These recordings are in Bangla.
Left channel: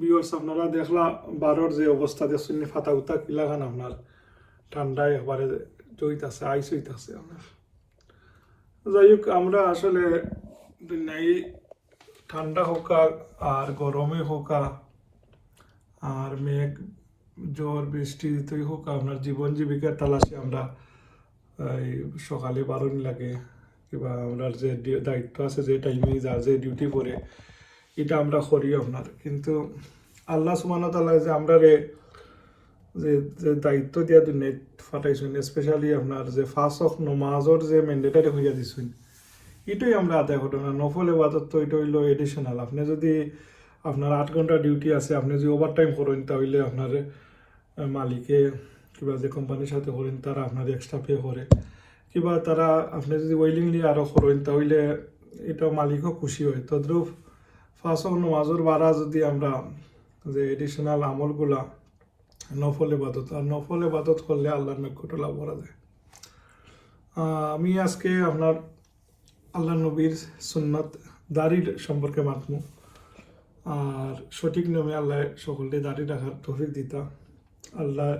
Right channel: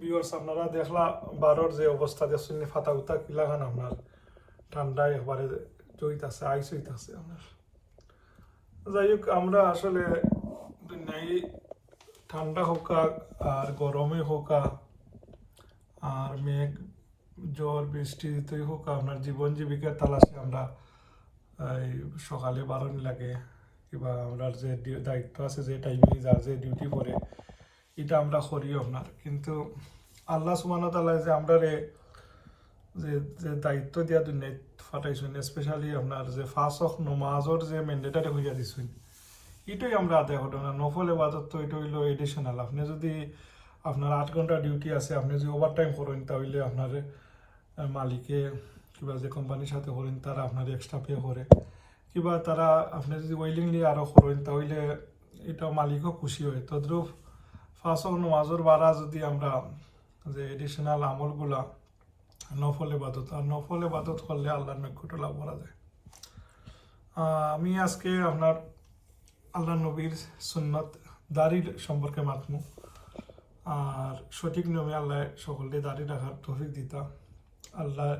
ভিউয়ার্স আপনারা দেখলা বারোর যে অবস্থা দেখছেন ফাতা উতা কিলা খান আপনার ঠান্ডায় একবারে জইতাছে আইস হইতাছে আপনার। যাই হোক আমরা আসলে নাই ঠান্ডা হোকা আর গরমে হোকা আর মেঘ জ্বর বৃষ্টিতেই হোক আপনার জীবন জীবিকার তালাশে আমরা এই সকালে বারোনি লাগে কিংবা আমরা যে দায়িত্ব আছে যে টাইমে যা যে ডিউটি করে এটা আমরা করি আপনার। কিন্তু আল্লাহ সুবহানাহু ওয়া তাআলা যে আমরা রে যে যে দায়িত্ব দিয়া দুনিয়াত ফাটাইছেন, স্পেশালি আপনার যে ফার্স্ট অফ নমাজর যে ম্যান্ডেটারি হইয়া দিছেন, এটাই আমরা আদায় করি না। নফল ইবাদত তো এটা হইলো এডিশনাল। আপনি যদি আপনার 8 ঘন্টা ডিউটি আছে, আপনি যদি ওভার টাইম করেন তাহলে আপনার মালিকে কিংবা যে কোম্পানির সাথে করেন তারা আপনার এক্সট্রা পে করে, কিংবা তারা আপনি যদি ওয়েলিংলি আরও করেন তাহলে এটা মালিকও খুশি হয়। তদ্রুপ ফার্স্ট অফ নমাজর বারা যদি আমরা যে এডিশনাল আমলগুলা নফল ইবাদত, আর নফল ইবাদত করলে আল্লাহর নৈকট্য লাভ করা যায়। আমি আজকে আপনার আল্লাহ নবীর সুন্নত দাড়ির সম্পর্কে মাতমু, আর সঠিক নিয়মে আল্লাহ সকলকে দাড়ি রাখার তৌফিক দিতা। আল্লাহ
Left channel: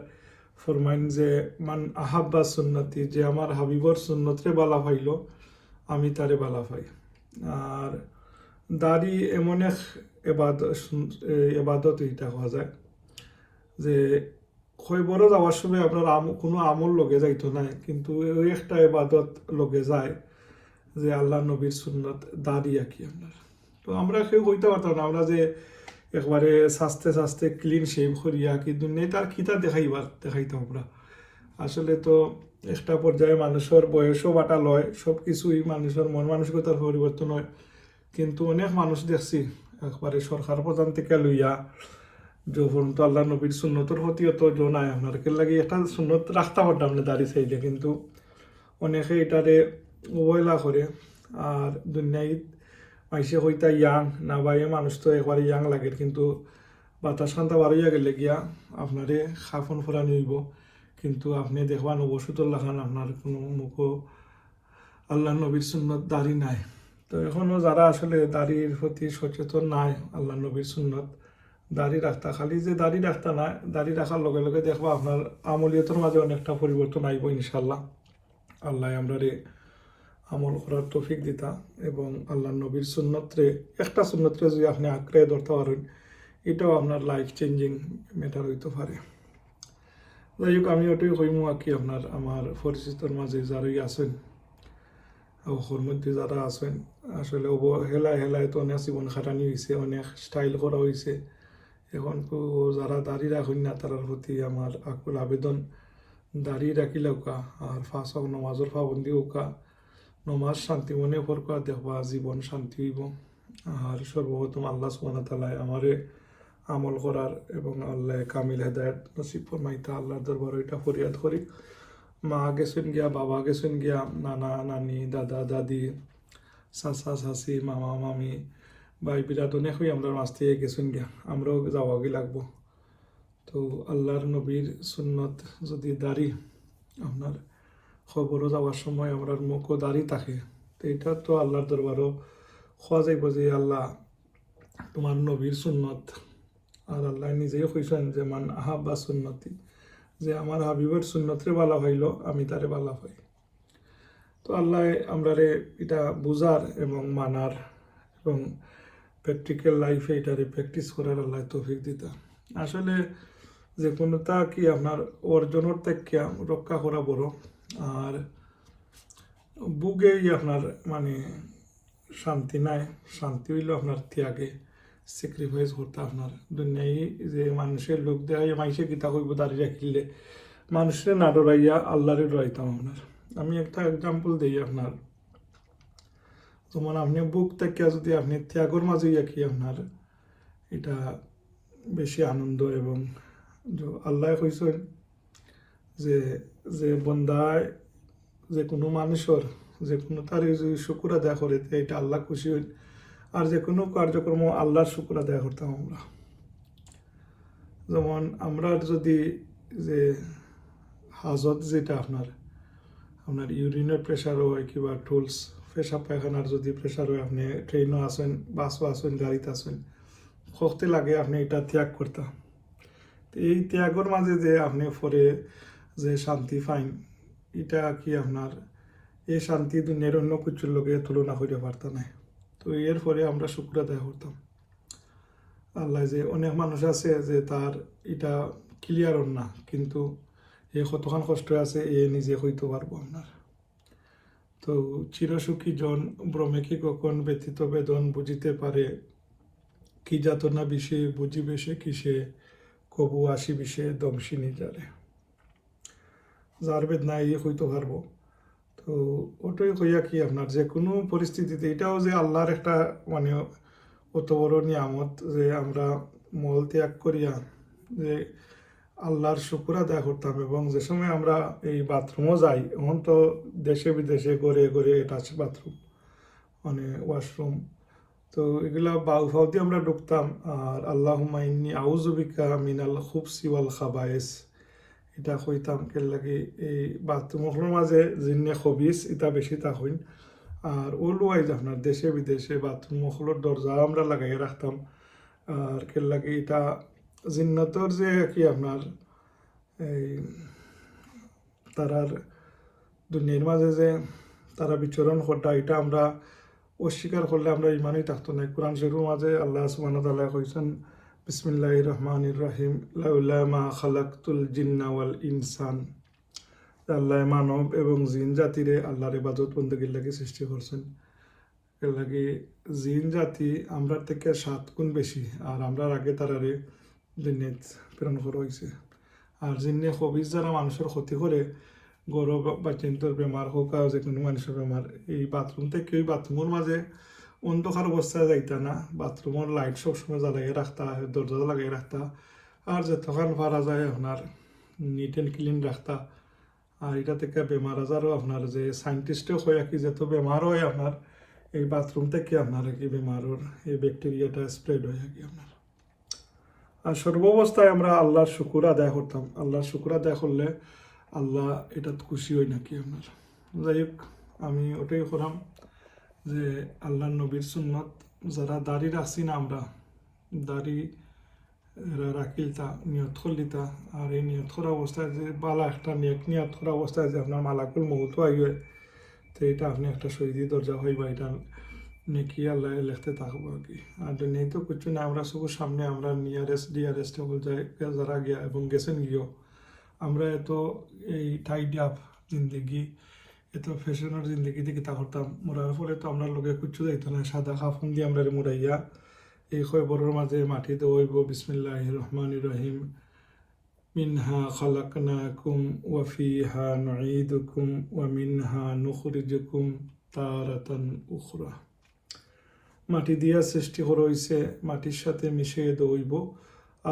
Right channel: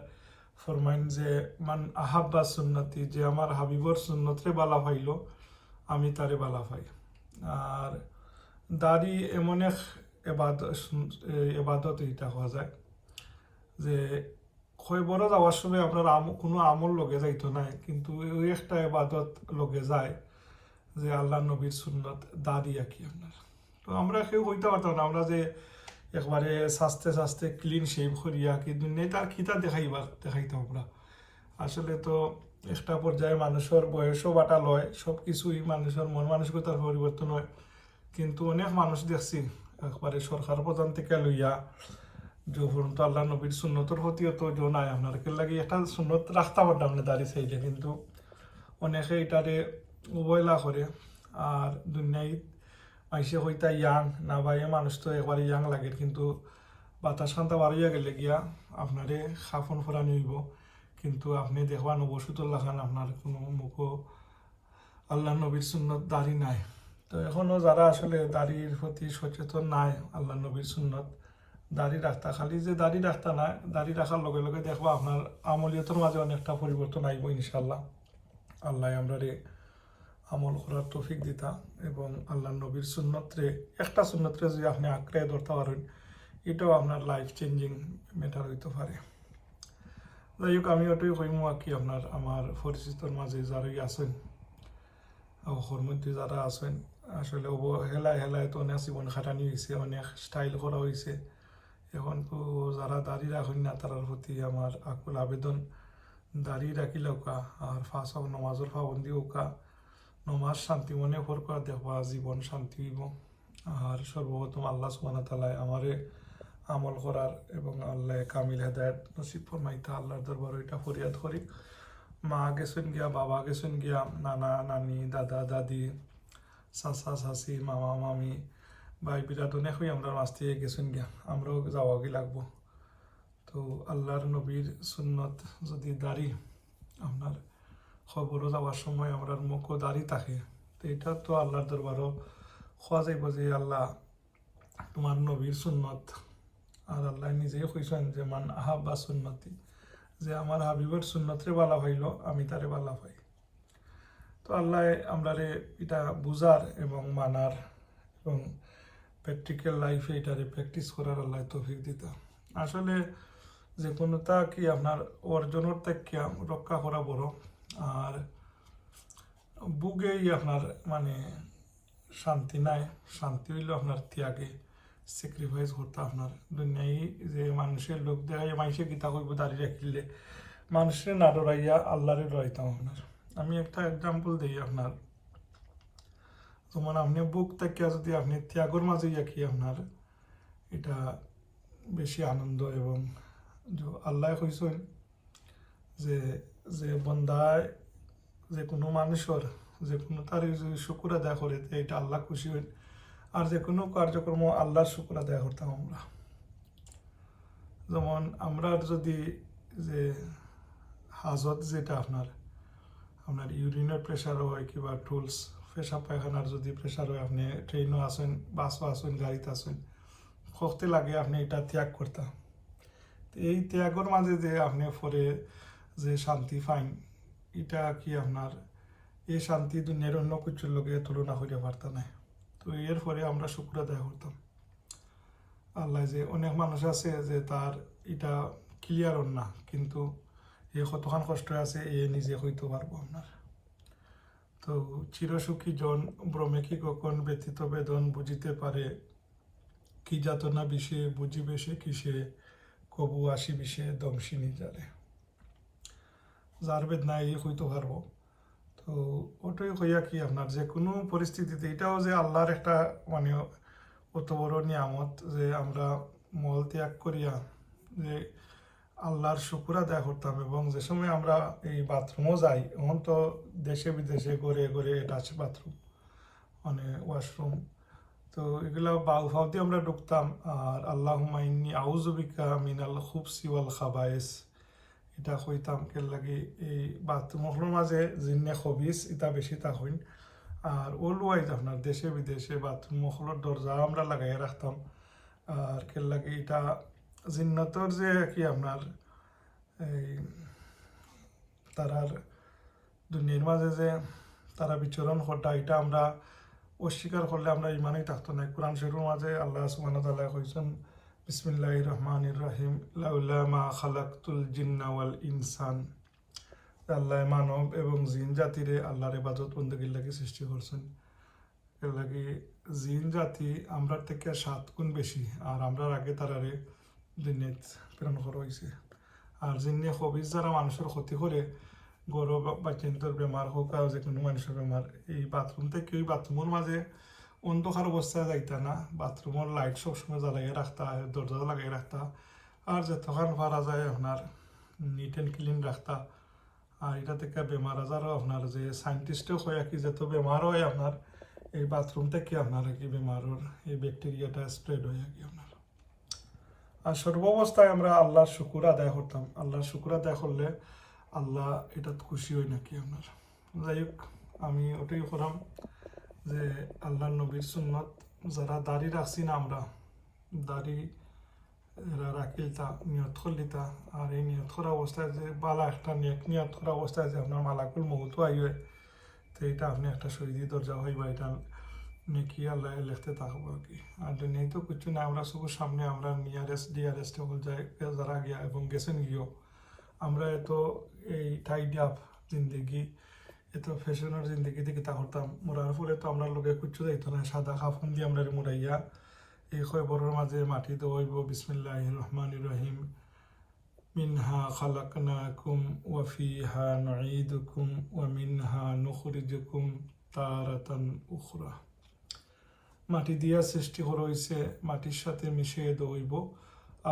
ফরমাইন যে মান আহাব্বা সুন্নতি, যে আমার হাবিবর সুন্নতরে বালা পাইল আমি তারে বালা পাই। আর দাড়ি এমন এক এবাদত এটা হওয়া যায় যে বড় যাওয়ার সময় আপনার কোনো আমল লগে যাইতো নাই, কিন্তু ওই একটা এবাদত লগে যায় যে আল্লাহ নবীর সুন্নত দাড়ি আঁকি আপনার। তো আমরা কেউ হইতে পারতাম না আমরা যে একবারে সাস্তে সাস্তে ক্লিন শেভ করিয়া কি দুনিয়ায় তার খিতা দেখাইতাম আমরা। আসলে তো একটা পর্যায়ে মানুষের বয়সও বাটা লয়, সব কিছুই মানুষের মন মানসিকতার পরিবর্তন হয়। কিন্তু অনেক মানুষ দেখছি একবারে সরকার প্রধান থেকে লইয়া যখন তো আল্লাহ নবীর সুন্নতর প্রতি অত জনায় আপনার কে লাগে একটা সুন্নত রাখতে পারতাম না দাঁড়িয়ে চাইলে, কিন্তু অনেকে এটারে অবহেলা করে। আর দুনিয়ায় মাইসে হইতা ইয়াং না বাইয়ে মানুষ তো একবারে ইয়াং লাগে, কিন্তু বাতাস খান্তা বাড়িয়া গেলে গিয়া আপনারে খাফন ফোরা নইব, কিন্তু আপনি দেখবান অবসুতুল্লাহ খান আপনার কোনো মুখও আল্লাহ নবীর সুন্নত দাড়ি নাই। তো এখনও যারা আসলে দাড়ির প্রতি সচেতন নাই, আল্লাহ নবীর সুন্নত দাড়ি রাখতা, খালি যে দাড়ি রাখতা না, দাড়ি রাখার লগে লগে দেখবা আপনার আমলিয়তের মাঝে অনেকটা পরিবর্তন আইব ইনশাল্লাহ। আল্লাহ আমরা আমল করার তৌফিক দিতা এবং আল্লাহ নবীর সুন্নতরে একটা সুন্নতরে যদি আপনি আঁকড়ে ধরতে পারেন, এটাও আপনার লাইফ চেঞ্জিং ম্যাটার হইতে পারে। যাই হোক, আমি ওটাই কইমু আর কি আপনার আমার পরিচিতর মাঝে যারাই আছেন, ওর মধ্যে যারা আছেন আসলে হেলায় তো অনেক জীবন খাটানি হয়েছে, অনেক স্টাইল করা হয়েছে। এখন তো যারা দাড়ি রাখেন না তার প্রতি আমার আকুল আবেদন, দাড়ি রাখিলে ওকা আর ফাঁস হোক নমাজের পাবন্দি ওকা, নমাজ শান্তি মনে ফরকা দেখবা জীবন শান্তি হইব। আর সর্বপ্রথম আল্লাহ সুবহানাহু ওয়া তাআলা আমারে আমল করার এবং আল্লাহ কামিল হেদায়েত নসিব ফরমাইতা আল্লাহর দরবারে এটা ফরিয়াদ করি। মা গেছেন গিয়া, বাবা গেছেন গিয়া, নানা নানি, দাদা দাদি, চাচা চাচি, মামা মামি, ভাই বিরাট অনেক হয়ে আমরা মাছ থেকে গেছেন গিয়া, আমরাও যাওয়াগি লাগবো। তো আল্লাহর নবীর সুন্নত যদি দাড়ি আপনার খবরও যাওয়ার সময় আমরা মুখও দাড়ি থাকে, তো এটা তো আল্লাহর দরবারও খোয়া যাইব যে আল্লাহ তোমার নবীর সুন্নত। আর আল্লাহ নিজেই কইছেন যে মান আহাব্বা সুন্নতি, যে আমার হাবিবের সুন্নতরে বালা হইল আমি তারে বালা পাই। তো আল্লাহ আমরা এটা বুঝার এবং মানার এবং প্র্যাকটিক্যাল লাইফে এটারে প্র্যাকটিস করার আল্লাহ তৌফিক দিতা। আসলে যে কোনোটা কি আপনার অর্জনের থেকে রক্ষা করা বড়, আর বুকেই আপনার মানে শান্তি নাই। শান্তি হইল আপনার ত্যাগে স্যাক্রিফাইস করতে আপনার দুনিয়ায় যে মানুষের লোক দেখাই মানুষের গীতা কইব দাঁড়িয়ে রাখিলে মানুষের না ডরাইয়া আল্লাহরে ডরাইতাম আপনার। আমি একটা এক্সাম্পল দিই আপনার, যেমন আপনি বুক থেকে যদি আপনি ত্যাগর মাঝে কি আপনার এটা বেশি আনন্দ। এবং আল্লাহ কইছেন যে যে বন্দায় যে কোনো মানুষের যে কোনো তার যদি শুকুর আদায় করে এটা আল্লাহ খুশি হইন। আর যে কোনো কার্যক্রম আল্লাহর শুকুর আদায় করতাম আমরা। যেমন আমরা যদি যে হাজত যেটা আপনার আপনার ইউরিনের প্রেশার হয় কিংবা টুলস পেশাব পায়খানার যদি প্রেশার হয়, আপনি ট্রেনও আসেন, বাসও আসেন, গাড়িতে আসেন, শক্তি লাগে আপনি এটা ত্যাগ করতাম। এই ত্যাগের মাঝে যে আপনি পরে যে শান্তি পাইন, এটা কি আপনার এই শান্তি দুনিয়ার অন্য কিছুর লোকে তুলনা করিতে পারতাম না। তো এর পরে আমরা শুক্র আদায় করতাম আল্লাহ। যে অনেক মানুষ আছে যে তার এটা ক্লিয়ার না, কিন্তু এ কতখান কষ্ট আছে এ নিজে হইতে পারবো আপনার। তো চিরসুখী জন ভ্রমে কি কখন ব্যতীত বেদন বুঝিতে পারে, কি যাতনা বিষে বুঝিবে সে কিসে, কবু আসি বিষে দমসি নিজারে। যার বেদনা ইয়ে হইতে পারবো। তো ওটাই হইয়া কি আপনার যে কোনো পরিস্থিতিতে এটাও যে আল্লাহর একটা মানে অত বড় নিয়ামত যে আমরা মল ত্যাগ করিয়া যে আল্লাহর শুকুর আদায় করতাম। এবং যে সময় আমরা এই বাথরুমও যাই, এখন তো দেশে বিদেশে গড়ে গড়ে এটা আছে বাথরুম মানে ওয়াশরুম, তো এগুলা বাউ ফাউ দিয়ে আমরা ঢুকতাম। আর আল্লাহুম্মা ইন্নী আউযু বিকা মিনাল খুবসি ওয়াল খাবায়েস, এটা কইতাম কে লাগে এই বাথরুমের মাঝে জিন্নে খবিস এটা বেশি তা হইন। আর অলওয়াইজ আপনার দেশে বিদেশে বাথরুম মহলের দরজা আমরা লাগাই রাখতাম। আর কে লাগে এটা জিন্নতর যে কি আপনার এই তারার দুনিয়ার মাঝে যে তারা বিচরণ করতা, এটা আমরা অস্বীকার করলে আমরা ইমানই থাকতো না। কোরআন শরীফের মাঝে আল্লাহ সুবহানাহু ওয়া তাআলা কইছেন বিসমিল্লাহির রহমানির রহিম লাউলা মা খালাকতুল জিন্না ওয়াল ইনসান, আল্লাহ মানব এবং জিন জাতিরে আল্লাহর ইবাদত বন্দেগীর লাগি সৃষ্টি করছেন। এর লাগি জিন জাতি আমরা থেকে 7 গুণ বেশি, আর আমরা আগে তারারে জিন্নেত প্রেরণ করা হয়েছে। আর জিন্নে খবিজ যারা মানুষের ক্ষতি করে, গৌরব বা চিন্তর বেমার হোক আর যে কোনো মানুষের বেমার, এই বাথরুম থেকে ওই বাথরুমের মাঝে অন্ধকার অবস্থায় যাইতা না, বাথরুমের লাইট সবসময় জ্বালাইয়ে রাখতা, দরজা লাগাই রাখতা, আর যতক্ষণ পারা যায় আপনার নিট অ্যান্ড ক্লিন রাখতা। আর এটা থেকে বেমার আজারও আপনার যে সায়েন্টিস্টও হয় কি যত বেমার হয় আপনার এই বাথরুম থেকে আপনার কি বেমারের এই ব্যাকটেরিয়াটা স্প্রেড হয় কি আপনার। আর সর্বাবস্থায় আমরা আল্লাহর শুকুর আদায় করতাম। আল্লাহর শুকুর আদায় করলে আল্লাহ এটা খুশি হয় নাকি আপনার। যাই হোক, আমি ওটাই করলাম যে আল্লাহ নবীর সুন্নত যারা দাড়ি রাখছি না, আমরা দাড়ি রাখিলতা নিয়ত করলিতা। আর এই নিয়ত করা অবস্থায় যে বালা একটা নিয়ত করা অবস্থায় যে আপনার মালাকুল মৌত আইয়ে, তো এটা আপনি একটা শহীদি দরজা হইবা, এটা নেকি আল্লাহ লিখতে থাকবো আর কি। আর দুনিয়ায় তো কিছু না, আমরা সব সামনে আমরা নিয়ারেস্ট ডিয়ারেস্ট যারা গিয়া এবং গেছেন গিয়েও আমরা এত এই টাইড আপ জিন্দগি এত ফ্যাশনের জিন্দগি দিকে তা করতাম। মরার ফলে তো আমরা লোকে কুচ্ছু যাইতো না, সাদা কাফন দিয়ে আমরা মুড়াইয়া এই খবরের মাঝে মাটিতে ওইব বিসমিল্লাহির রহমানির রহিম মিনহা খালাকনাকুম ওয়া ফিহা নুঈদুকুম ওয়া মিনহা নুখরিজুকুম তারাতান উখরা। মাটি দিয়া সৃষ্টি করা হইছে, মাটির সাথে মিশিয়ে দইব,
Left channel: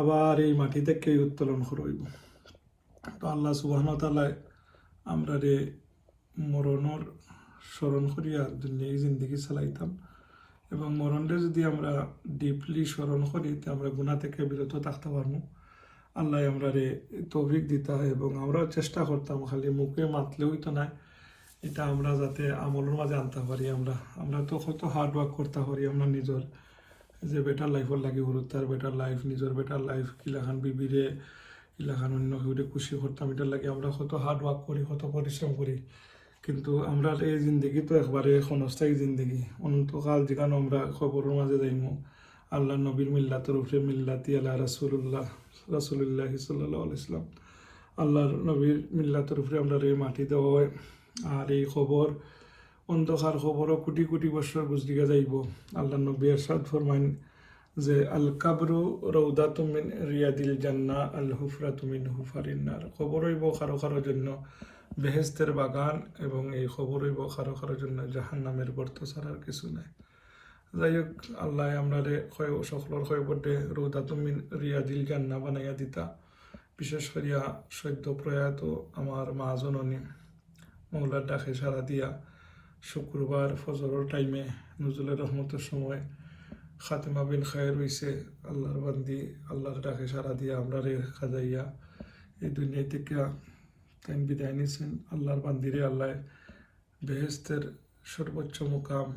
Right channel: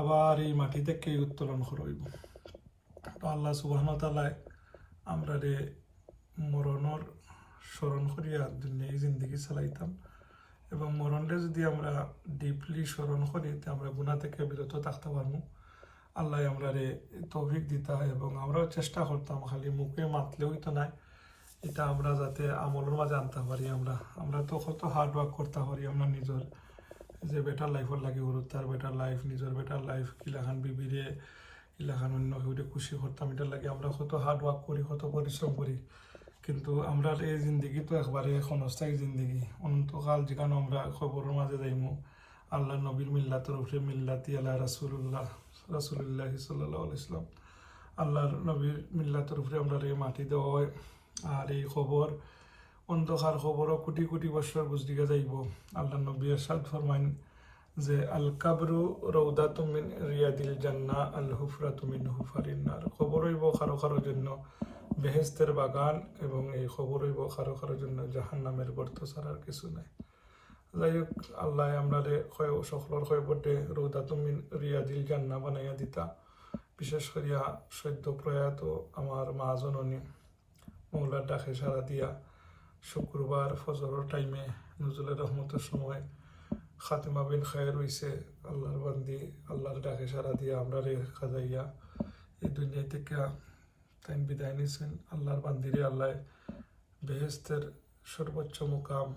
আবার এই মাটি থেকে উত্তোলন করা হইব। তো আল্লাহ সুবহানাহু ওয়া তাআলা আমরা রে মরণের স্মরণ করিয়া দুনিয়ায় জিন্দগি চালাইতাম। এবং মরণরে যদি আমরা ডিপলি স্মরণ করি তো আমরা গুনাহ থেকে বিরত থাকতে পারবো। আল্লাহ আমরা রে তৌফিক দিতা এবং আমরাও চেষ্টা করতাম খালি মুখে মাতলেও তো নাই, এটা আমরা যাতে আমলের মাঝে আনতে পারি। আমরা তো কত হার্ড ওয়ার্ক করতে পারি আমরা নিজের যে বেটার লাইফের লাগে গুরুত্ব, বেটার লাইফ নিজের বেটার লাইফ কিলাখান বিবিরে কিলাখান অন্য কেউ খুশি করতাম, এটার লাগে আমরা কত হার্ড ওয়ার্ক করি, কত পরিশ্রম করি। কিন্তু আমরা এই জিন্দগি তো একবারে ক্ষণস্থায়ী জিন্দগি, অনন্তকাল যেখানে আমরা খবরের মাঝে যাইমু আল্লাহ নবীর মিল্লাতের উপরে মিল্লাতি আল্লাহ রাসূলুল্লাহ সাল্লাল্লাহু আলাইহি ওয়াসাল্লাম, আল্লাহর নবীর মিল্লাতের উপরে আমরা এই মাটি দেওয়া হয়। আর এই খবর অন্ধকার খবরও কোটি কোটি বছর গুজরিয়া যাইব। আল্লাহ নবী ইরশাদ ফরমাইন যে আল কাবরু রাউদাতুম মিন রিয়াদিল জান্নাহ আল হুফরাতু মিন হুফারিন নার। খবর হইব কারো কারো জন্য বেহেশতের বাগান, এবং এই খবর হইব কারো কারোর জন্য জাহান্নামের গর্ত ছাড়ার কিছু নাই। যাই হোক, আল্লাহ আমরা সকলের খবরটে রাউদাতুম মিন রিয়াদিল জান্নাহ বানাইয়া দিতা। বিশেষ করিয়া সদ্য প্রয়াত আমার মা জননী মৌলার ডাকে সারা দিয়া শুক্রবার ফজরের টাইমে নজরুলের রহমতের সময় খাতেমা বিল খায়ের হইছে। আল্লাহর বান্দি আল্লাহর ডাকে সারা দিয়া আমরা রে খাজাইয়া এই দুনিয়া থেকে তাই বিদায় নিয়েছেন। আল্লাহর বান্দিরে আল্লাহ বেহেস্তের সর্বোচ্চ মুকাম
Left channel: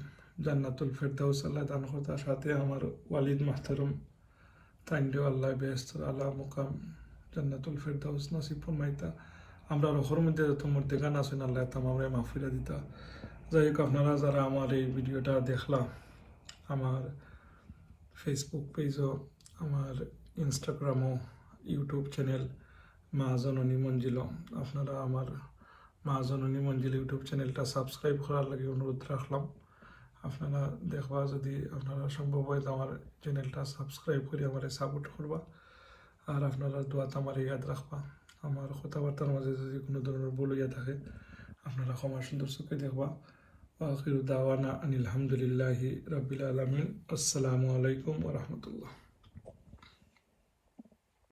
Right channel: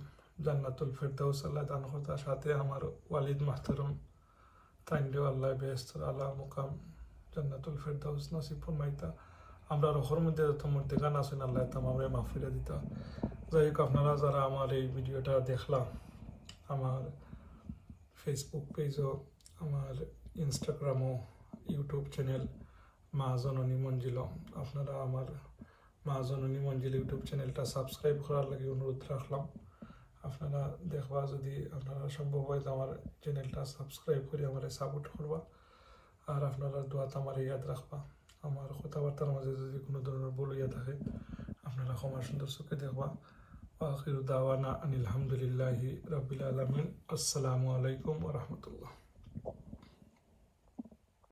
জান্নাতুল ফেরদাউস আল্লাহ দান করতার সাথে আমার ওয়ালিদ মাহতারম তাইন্ডে আল্লাহ বেহেস্তের আলা মুকাম জান্নাতুল ফিরদাউস নসিব ফরমাইতা। আমরা রোহর মধ্যে যত মধ্যে গান আছেন আল্লাহ তামামরে মাহফিরা দিতা। যাই হোক, আপনারা যারা আমার এই ভিডিওটা দেখলাম, আমার ফেসবুক পেজও, আমার ইনস্টাগ্রামও, ইউটিউব চ্যানেল মা জননী মঞ্জিল, আপনারা আমার মা জননী মঞ্জিল ইউটিউব চ্যানেলটা সাবস্ক্রাইব করার লাগে অনুরোধ রাখলাম। আপনারা দেখবা, যদি আপনারা সম্ভব হয় তো আমার চ্যানেলটা সাবস্ক্রাইব করে আমার সাপোর্ট করবা। আর আপনারা দোয়াত আমার ইয়াদ রাখবা। আমার কথাবার্তার মাঝে যদি কোনো ধরনের ভুল হইয়া থাকে আপনারা ক্ষমা সুন্দর চোখে দেখবা। আখিরু দাওয়ানা আনিল হামদুলিল্লাহি রাব্বিল আলামিন। আসসালামু আলাইকুম ওয়া রাহমাতুল্লাহ।